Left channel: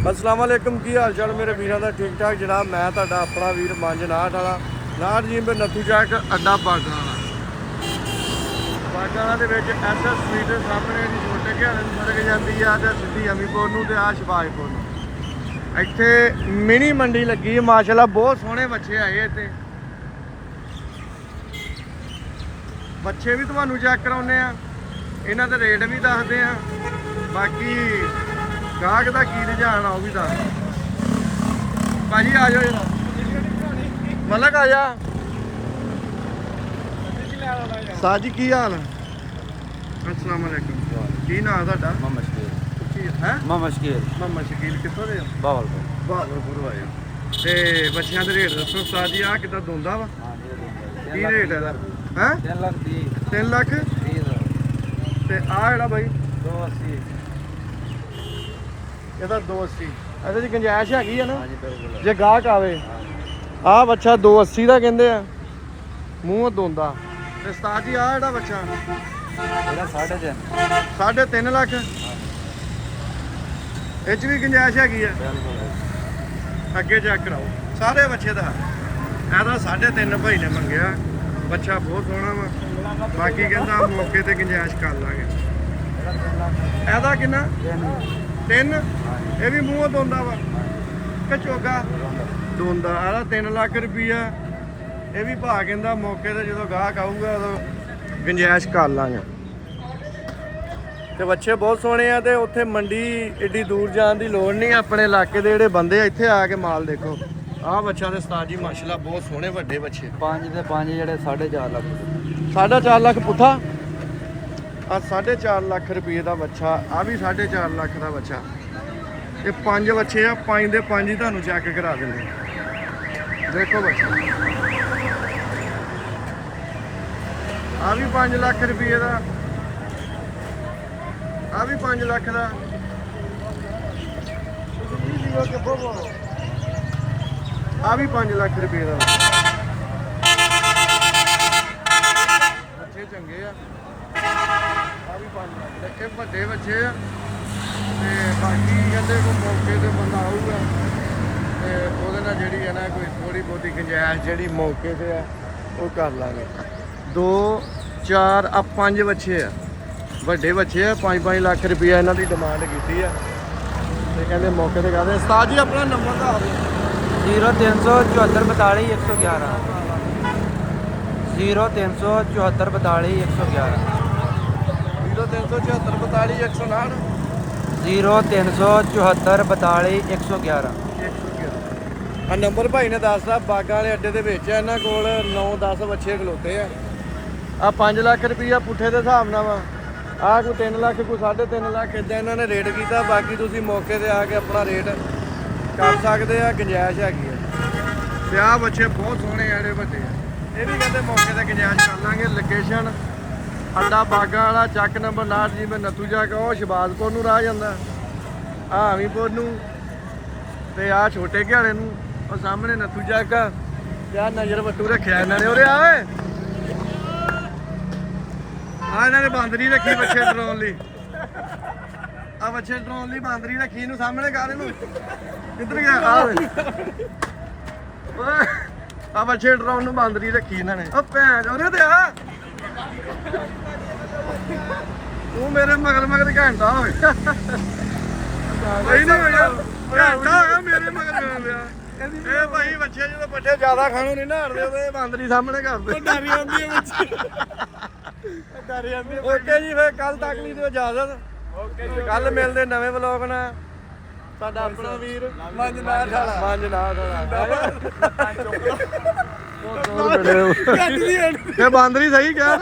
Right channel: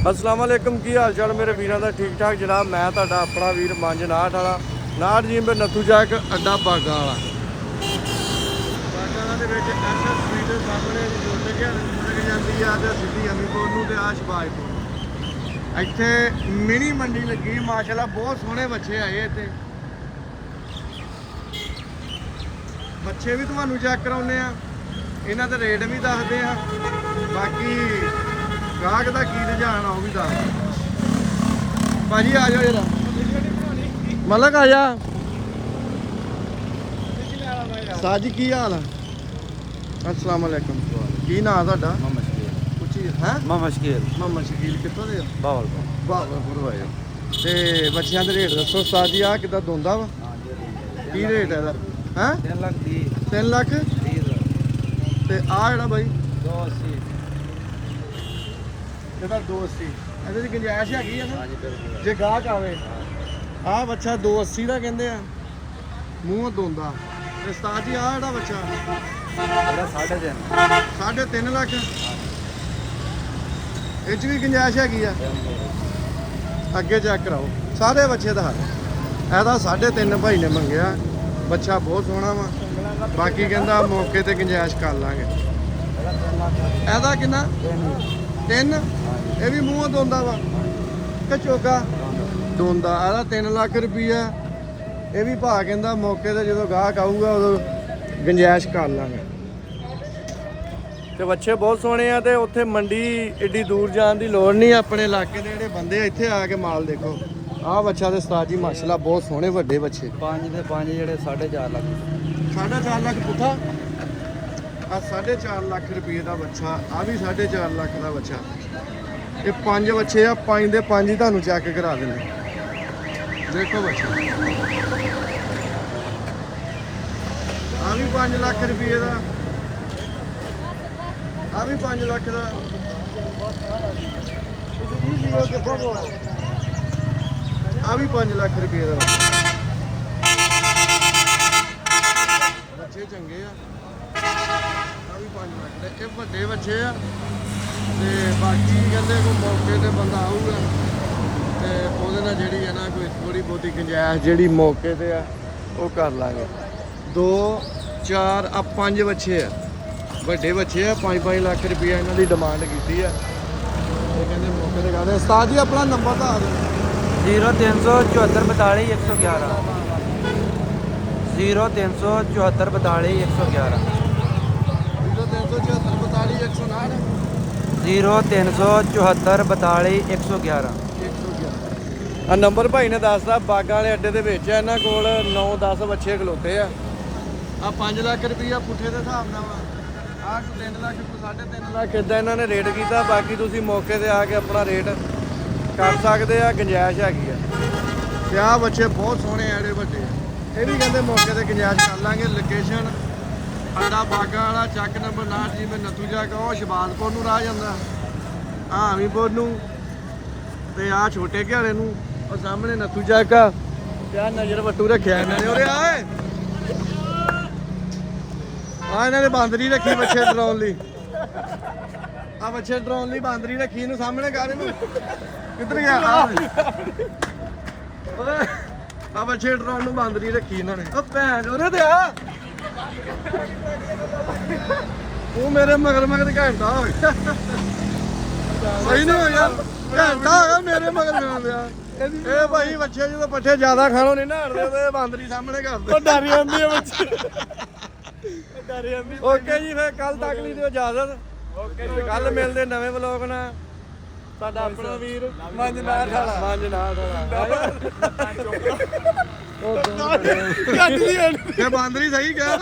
अस्सलाम वालेकुम की हाल चाल मेरे वीरों का ठीक ठाक जनाब। मैं तुहाडा अपना वीर मंज नाहट वाला नाहट जी में नत्थू चौक अड्डा बागा वाला ਦੇ ਵਿੱਚ ਐਸਐਸ ਸਟਰੀਟ ਦੇ ਸਾਹਮਣੇ ਜੀ ਛੋਟੇ ਘਿਆਣੇ ਨੂੰ ਸੜਕ ਜਾਂਦੀ ਆ ਤੇ ਸਿੱਧੀ ਅਮੀਪੁਰ ਨੂੰ ਤੇ ਆ ਸ਼ਬਾਜ਼ਪੁਰ ਨੂੰ। ਇੱਥੇ ਮਿਨੀ ਮੰਡੀ ਲੱਗੀ ਹੈ ਮਾਸ਼ਾਅੱਲਾ, ਬਹੁਤ ਸੋਹਣੇ ਬੱਚੇ ਆਏ ਇੱਥੇ। ਬੱਚੇ ਵੀ ਤੁਹਾਨੂੰ ਚੈੱਕ ਕਰਾਉਂਦੇ ਆ, ਇਹਨਾਂ ਦੇ ਰੇਟ ਵੀ ਦੱਸਦੇ ਆ, ਬਾਕੀ ਗਾਹਕ ਦਾ ਕੀ ਰੁਝਾਨ ਆ ਉਹ ਵੀ ਦੱਸ। ਭਾਜੀ ਆ ਜਾਓ ਜਰਾ, ਮਲਕ ਆ ਜਾ। ਸਾਜੀ ਕੀ ਹਾਲ ਆ? अस्सलाम वालेकुम। की नाम ਤੁਹਾਡਾ? मोहम्मद शकील। ਉੱਚੀ ਹੈ? मोहम्मद शकील। ਮੁਹੰਮਦ ਸ਼ਕੀਲ ਕਿੱਥੋਂ ਦੇ ਹੋ? बावलपुर। ਬਾਵਲਪੁਰ ਆਏ ਹੋ। ਤੇ ਬੱਚਿਆਂ ਦੇ ਰੇਟ ਦੱਸੋ ਉਸਤਾਦ ਜੀ, ਆ ਕਿੱਦਾਂ ਦੋਂਦਾ ਵਾ? ਕੀ ਰੇਟ ਹੈ ਇਹਦਾ? ਹੈ 3 लाख 3 ਲੱਖ। ਤੇ ਆ ਜਿਹੜਾ ਬਾਈ 280। ਇਹਦਾ 280। ਇਹਦੇ ਦੀ ਗੁੰਜਾਇਸ਼ ਹੈਗੀ ਆ ਨਾ ਜੇ ਗਾਹਕ ਆਵੇ। ਆ ਬੱਚਾ 280 ਦਾ ਕਹਿੰਦੇ ਆ, ਮੂੰਹ ਦੋਂਦਾ। ਤੇ ਉਸਤਾਦ ਜੀ ਆ ਜਿਹੜਾ ਬੱਚਾ 3.5 ਲੱਖ। ਇਹ 'ਚ ਵੀ ਗੁੰਜਾਇਸ਼ ਹੈਗੀ ਆ, ਅੱਗੇ ਚੈੱਕ ਕਰਾਓ ਸਾਰੇ ਬੱਚੇ ਦਾ। ਇਹਦਾ 3.5 ਭਾਈ ਨੇ ਮੰਗਿਆ, ਬੱਚਾ ਬਹੁਤ ਸੋਹਣਾ ਵਾ। ਬਾਕੀ ਕਹਿੰਦਾ ਮੌਕੇ ਤੇ ਗੁੰਜਾਇਸ਼ ਕਰ ਲਾਂਗੇ। ਇਹਦਾ ਕਿੰਨਾ? 3। ਇਹ ਵੀ ਮੂੰਹ ਦੋਂਦਾ ਵਾ ਕਿ ਚੋਗਾ ਦੋਂਦਾ? ਇਹਦਾ 3 ਲੱਖ ਰੁਪਈਆ। ਇਹ ਵੀ ਭਾ ਕਹਿੰਦਾ ਮੌਕੇ ਤੇ ਜਦੋਂ ਗਾਹਕ ਆਊਗਾ ਉਦੋਂ ਗੁੰਜਾਇਸ਼ ਕਰ ਲਾਂਗੇ। ਤੇ ਬੱਚੇ ਬਹੁਤ ਸੋਹਣੇ ਆ ਤੇ ਉੱਥੇ ਮੰਡੀ ਏਡੀ ਦੂਰ ਜਾਣ ਦੀ ਲੋੜ ਨਹੀਂ। ਆਪਣੇ ਇਲਾਕੇ ਦੇ ਜਿਹੜੇ ਬੰਦੇ ਆ ਇੱਥੇ ਆ ਕੇ ਮਾਲ ਦੇਖੋ। ਆਹ ਬੱਚਾ ਤੇ ਉਸਤਾਦ ਜੀ ਮਾਸ਼ਾਅੱਲਾ ਬਹੁਤ ਸੋਹਣੇ ਵੱਡੇ ਬੱਚੇ। 5 ਦੇ 5 ਜਿਹੜੇ 4.5 ਲੱਖ। 4.5 ਲੱਖ ਪੁੱਠਾ। ਆ 4.5 ਲੱਖ ਰੁਪਏ ਦਾ ਬੱਚਾ, ਆ ਵੀ 4.5 ਲੱਖ ਦਾ ਬੱਚਾ। ਇਹ 5 ਬੱਚੇ ਆ, 5 ਦੇ 5 ਹੀ ਤੁਹਾਨੂੰ ਚੈੱਕ ਕਰਾ ਦਿੰਦੇ। ਦੇਖੋ ਬੱਚੇ, ਆ ਵੀ 5 ਲੱਖ ਰੁਪਏ ਦਾ, ਆ ਵੀ 5 ਲੱਖ ਦਾ। ਆ ਵੀ 5 ਲੱਖ ਰੁਪਏ ਦਾ। ਬੱਚੇ ਚੰਗੇ ਆ। ਆ ਵੀ 5 ਲੱਖ ਦੇ। ਇਹ ਵੱਡੇ ਬੱਚੇ ਆ ਤੇ ਬਾਕੀ ਕਹਿੰਦੇ ਕੋਈ ਮੌਕੇ ਤੇ ਬੰਦਾ ਆਊਗਾ ਤੇ ਉਹਦੇ ਨਾਲ ਜਿਹੜੀ ਹੈ ਨਾ ਕੋਈ ਥੋੜੀ ਬਹੁਤੀ ਗੁੰਜਾਇਸ਼ ਜਿਹੜੀ ਮੌਕੇ ਤੇ ਆ ਉਹ ਕਰ ਲਾਂਗੇ। 2 4 ਆ 5 ਬੱਚੇ ਆ, ਵੱਡੇ ਬੱਚੇ ਆ। 5-5 ਲੱਖ ਰੁਪਇਆ ਇਹਨਾਂ ਦੀ ਡਿਮਾਂਡ ਕੀਤੀ ਆ ਤੇ ਕਹਿੰਦੇ ਮੌਕੇ ਤੇ ਕਰਦੇ। ਉਸਤਾਦ ਜੀ ਆਪਣਾ ਨੰਬਰ ਦੱਸ ਦਿਓ। 0374 42 111। 0374 42 111। 0374 42 159। 0374 42 111। 111 ਆ ਨੰਬਰ ਭਾਈ ਨੇ ਦੱਸਦਾ। ਬਾਗਾਂ ਵਾਲੇ ਅੱਡੇ ਦੇ ਵਿੱਚ ਇਹਨਾਂ ਕੋਲ 9-10 ਬੱਚੇ ਖਲੋਤੇ ਆ। ਆ 5 ਲੱਖ ਰੁਪਈਆ ਪੁੱਠੇ ਦੇ ਹਿਸਾਬ ਨਾਲ ਵਾ। ਆ ਕੋਈ 3 ਲੱਖ, ਕੋਈ 3.5 ਲੱਖ ਇਦਾਂ ਇਹਨਾਂ ਨੇ ਰੇਟ ਕੀਤਾ। ਬਾਕੀ ਤੁਸੀਂ ਮੌਕੇ ਤੇ ਆ ਕੇ ਆਪਣਾ ਰੇਟ ਕਰ ਸਕਦੇ ਆ, ਗੁੰਜਾਇਸ਼ ਹੈਗੀ ਆ। ਤੇ ਆਹ ਬੱਚੇ ਬਹੁਤ ਸੋਹਣੇ ਆ ਜਿਹੜੇ ਵੱਡੇ ਆ, ਇਹ ਵੀ ਕਹਿੰਦੇ ਮੌਕੇ ਤੇ ਗੁੰਜਾਇਸ਼ ਕਰ ਲਾਂਗੇ। ਲੋਕੇਸ਼ਨ ਅੱਡਾ ਬਾਗਾਂ ਵਾਲਾ, ਚੱਕ ਨੰਬਰ 59 ਜੀ ਮੈਂ ਨੱਥੂ ਜਾ ਕੇ ਉਹ ਸ਼ਬਾਜ਼ਪੁਰ ਨੂੰ ਰਾਹ ਜਾਂਦਾ, ਆ ਅਮੀਪੁਰ ਨੂੰ ਤੇ ਆ ਛੋਟੇ ਘਿਆਲੇ ਨੂੰ। ਉਹ ਸਾਹਮਣੇ ਨੱਥੂ ਚੱਕ ਆ ਤੇ ਆ ਨਜ਼ਰ ਵੱਟੂ ਰੱਖਿਆ ਇਹਨਾਂ ਨੇ। ਉਰੇ ਆਏ ਆ ਇਹਨਾਂ ਨੇ ਬਾਂਦਰੀ ਰੱਖੀ ਬੱਚੇ ਡਰਾਉਣ ਲਈ। ਆ ਬੱਚੇ ਡਰਾਉਣ ਲਈ ਬਾਂਦਰੀ ਰੱਖੀ ਨੂੰ ਸਾਹਮਣੇ ਕਰ ਇਹਨੂੰ। ਕਿੱਧਰ ਗਿਆ? ਆ ਬੱਚੇ ਡਰਾਉਣ ਨੂੰ ਬਾਂਦਰੀ ਰੱਖੀ ਇਹਨਾਂ ਨੇ। ਉਹ ਭੈਣ ਉਹਦੇ ਤੇ ਆ ਤੂੰ ਮੇਰੇ ਮਗਰ ਮਗਰ ਘੰਟਾ ਹੋ ਗਿਆ। ਸਹੀ ਨਹੀਂ ਹੋਇਆ, ਘੰਟਾ ਹੋ ਗਿਆ ਮੇਰੇ ਮਗਰ ਜਾਣ ਦਿਆ। ਇਹ ਭਾਈ ਬੱਚੇ ਜਦੋਂ ਪੱਠੇ ਜ਼ਿਆਦਾ ਖਾਣੋਂ ਨਹੀਂ ਨਾ ਹਟਦੇ ਉਹਦੇ ਬਾਂਦਰੀ ਸਾਹਮਣੇ ਕਰਦੇ। ਉਹ ਡਰ ਜਾਂਦੀ ਹੈ ਬੱਚੇ, ਡਰ ਜਾਂਦੀ। ਓਕੇ ਜੀ, ਫਿਰ ਕੱਲ ਤੱਕ ਲਈ ਦਿਓ ਇਜਾਜ਼ਤ। ਕੱਲ ਮਿਲਦੇ ਨਵੇਂ ਵਲੋਗ ਨਾਲ। ਸਾਡਾ ਆਪਣਾ ਵੀਰ ਮੰਜ ਨਾਹਟ ਵਾਲਾ। ਮੰਜ ਨਾਹਟ ਵਾਲਾ ਉਹ ਦੋ ਤੇ ਬਾਂਦਰੀ ਸਹੀ ਕਿਹਾ।